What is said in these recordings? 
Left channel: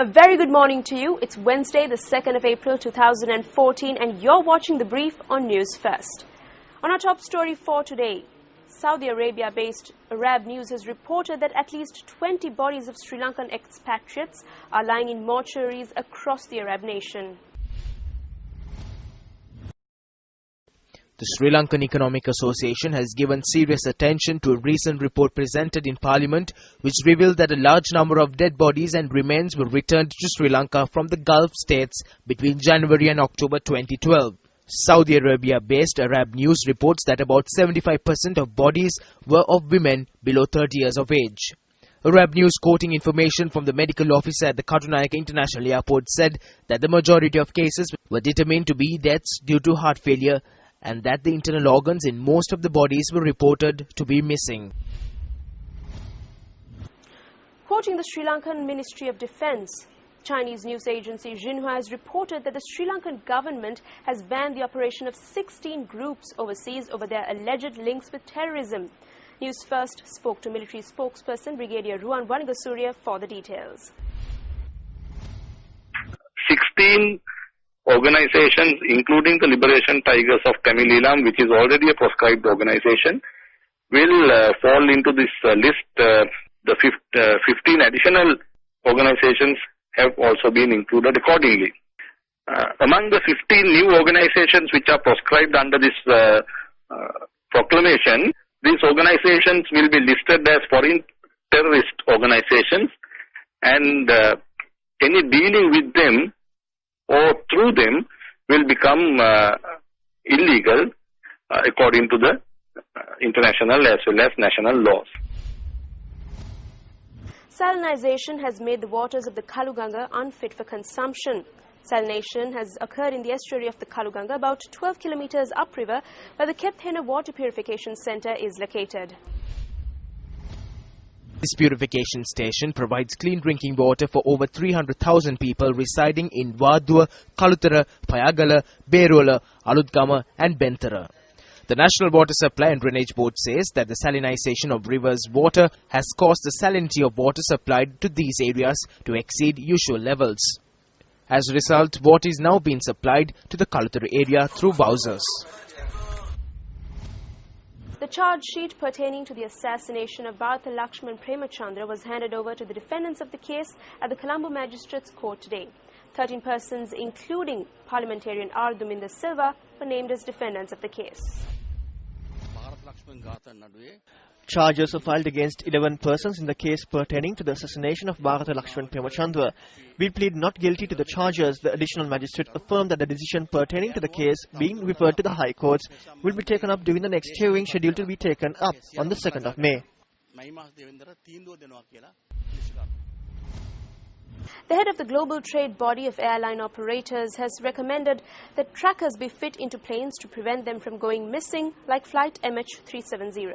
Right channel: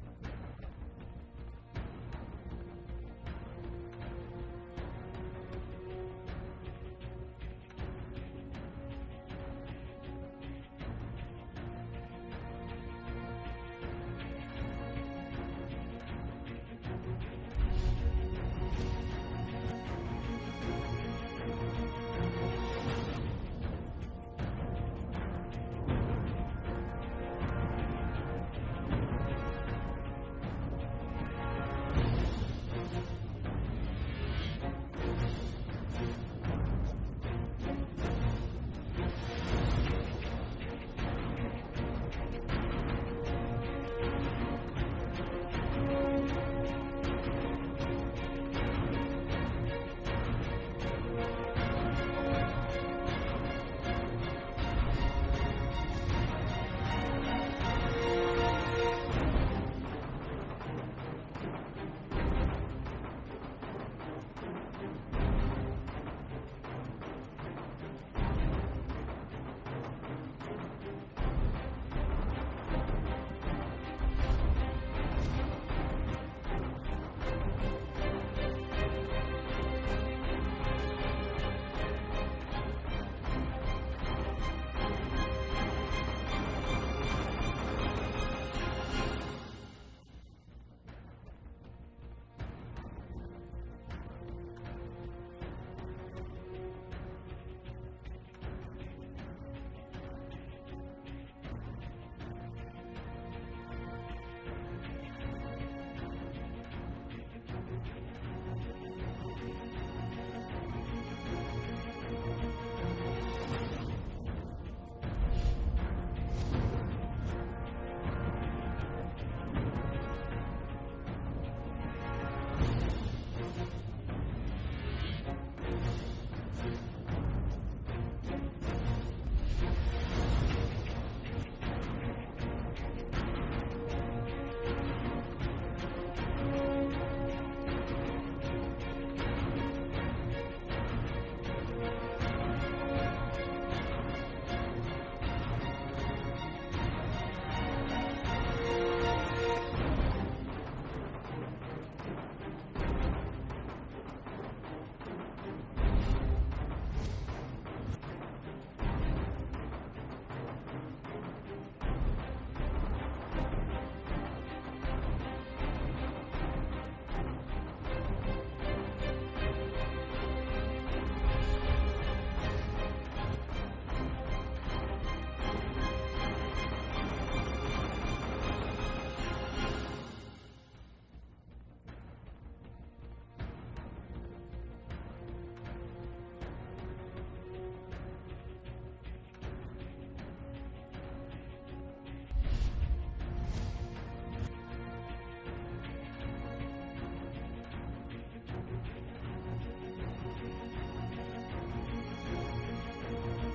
A very good morning to you. It's Wednesday, the 2nd of April 2014, and you're watching The Brief on Newsfirst. On our top story for today, Saudi Arabia-based Arab News has reported that at least 20 bodies of Sri Lankan expatriates are lying in mortuaries across the Arab nation. The Sri Lankan Economic Association has given serious attention to a recent report presented in Parliament which revealed that a large number of dead bodies and remains were returned to Sri Lanka from the Gulf states between January and October 2012. Saudi Arabia-based Arab News reports that about 75% of bodies were of women below 30 years of age. Arab News, quoting information from the medical officer at the Katunayake International Airport, said that the majority of cases were determined to be deaths due to heart failure, and that the internal organs in most of the bodies were reported to be missing. Quoting the Sri Lankan Ministry of Defence, Chinese news agency Xinhua has reported that the Sri Lankan government has banned the operation of 16 groups overseas over their alleged links with terrorism. Newsfirst spoke to military spokesperson Brigadier Ruan Wanigasurya for the details. 16 organizations, including the Liberation Tigers of Tamil Eelam, which is already a proscribed organization, will fall into this list. The 15 additional organizations have also been included accordingly. Among the 15 new organizations which are proscribed under this proclamation, these organizations will be listed as foreign terrorist organizations, and any dealing with them or through them will become illegal according to the international as well as national laws. Salinization has made the waters of the Kaluganga unfit for consumption. Salination has occurred in the estuary of the Kaluganga, about 12 kilometers upriver, where the Kepthena Water Purification Center is located. This purification station provides clean drinking water for over 300,000 people residing in Wadua, Kalutara, Payagala, Berola, Alutgama and Bentara. The National Water Supply and Drainage Board says that the salinization of rivers' water has caused the salinity of water supplied to these areas to exceed usual levels. As a result, water is now being supplied to the Kalutara area through Wowsers. The charge sheet pertaining to the assassination of Bharata Lakshman Premachandra was handed over to the defendants of the case at the Colombo Magistrates Court today. 13 persons, including parliamentarian R. Duminda Silva, were named as defendants of the case. Charges were filed against 11 persons in the case pertaining to the assassination of Bharata Lakshman Premachandra. We plead not guilty to the charges. The additional magistrate affirmed that the decision pertaining to the case being referred to the High Courts will be taken up during the next hearing scheduled to be taken up on the 2nd of May. The head of the global trade body of airline operators has recommended that trackers be fit into planes to prevent them from going missing, like flight MH370.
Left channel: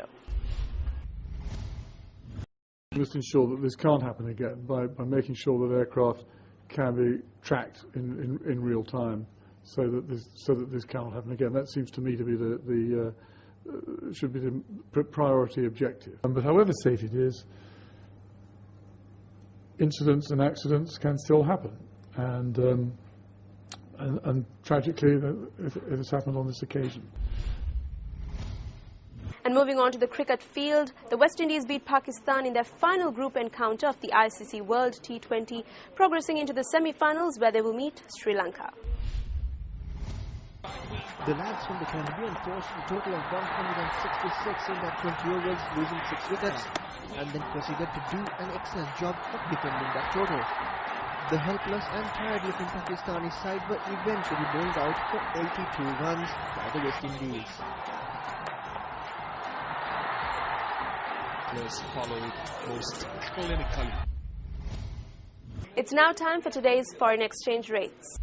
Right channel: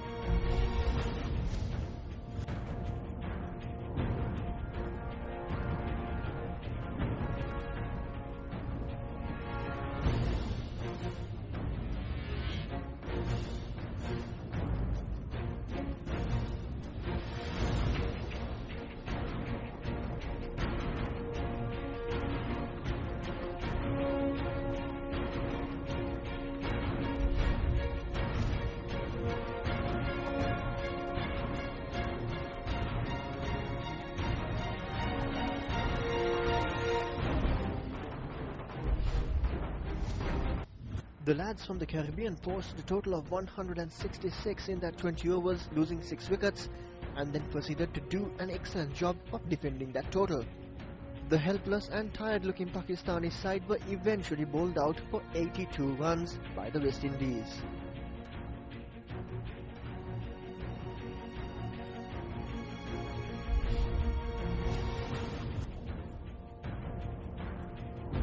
We must ensure that this can't happen again by making sure that aircraft can be tracked in real time, so that this can't happen again. That seems to me to be should be the priority objective. But however safe it is, incidents and accidents can still happen, and tragically it has happened on this occasion. And moving on to the cricket field, the West Indies beat Pakistan in their final group encounter of the ICC World T20, progressing into the semi-finals where they will meet Sri Lanka. The lads from the Caribbean forced a total of 166 in their 20 overs, losing 6 wickets, and then proceeded to do an excellent job of defending that total. The helpless and tired-looking Pakistani side were eventually bowled out for 82 runs by the West Indies. It's now time for today's foreign exchange rates.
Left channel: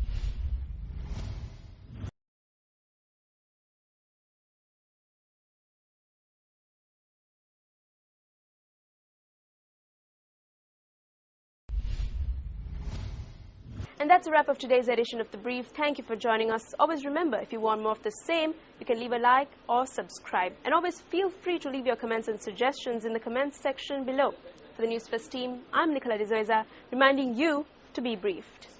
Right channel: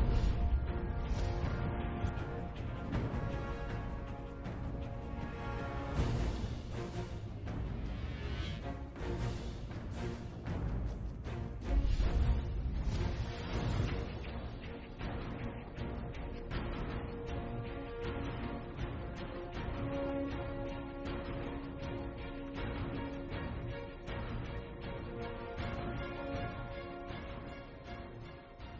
And that's a wrap of today's edition of The Brief. Thank you for joining us. Always remember, if you want more of the same, you can leave a like or subscribe. And always feel free to leave your comments and suggestions in the comments section below. For the Newsfirst team, I'm Nicola D'Souza, reminding you to be briefed.